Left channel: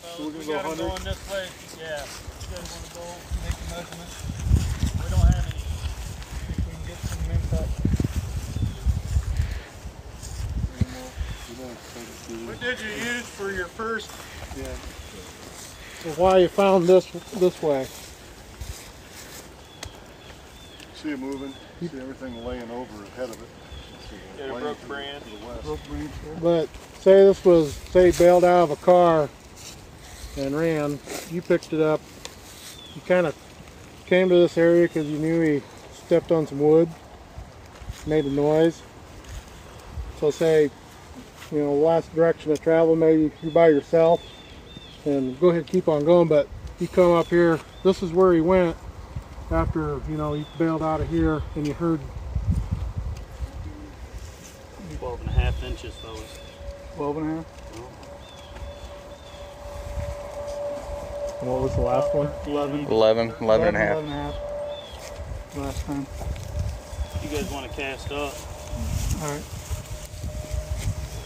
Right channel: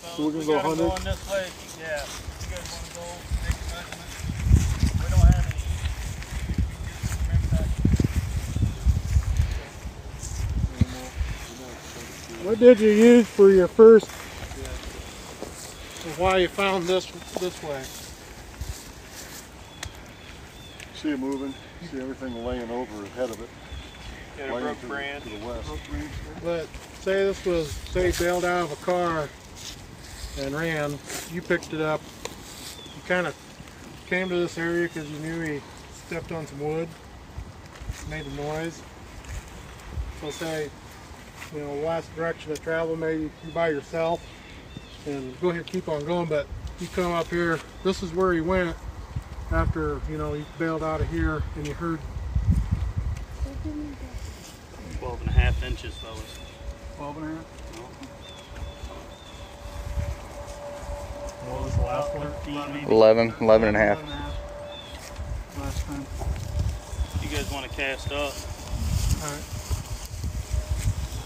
So we're gonna go 100? Going this way. Yeah. You guys want to go make a measurement? We don't have any. We can get some impact. What did you use for your first? Why you found this way? See it moving. See everything laying over ahead of it. Get a broke branch. To the west. But say this was, say, bailed out of a car and ran. You picked it up. You kind of came to this area because you knew he stepped on some wood, made a noise. So say, you know, last direction of travel, maybe you by yourself, and go ahead and keep on going. But you come up here. This is where he went after, you know, he bailed out of here, and you heard 12.5 inches, fellas. 12 and a half. No. And what was the last one? 11 and a half. 11 and a half. Last time. You guys want to cast up? All right.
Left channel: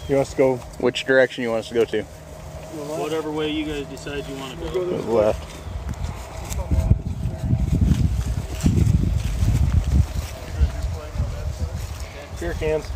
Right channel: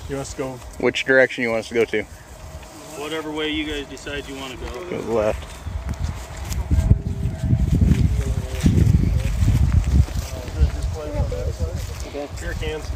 You want us to go? Which direction you want us to go to? Whatever way you guys decide you want to go. To the left. Beer cans.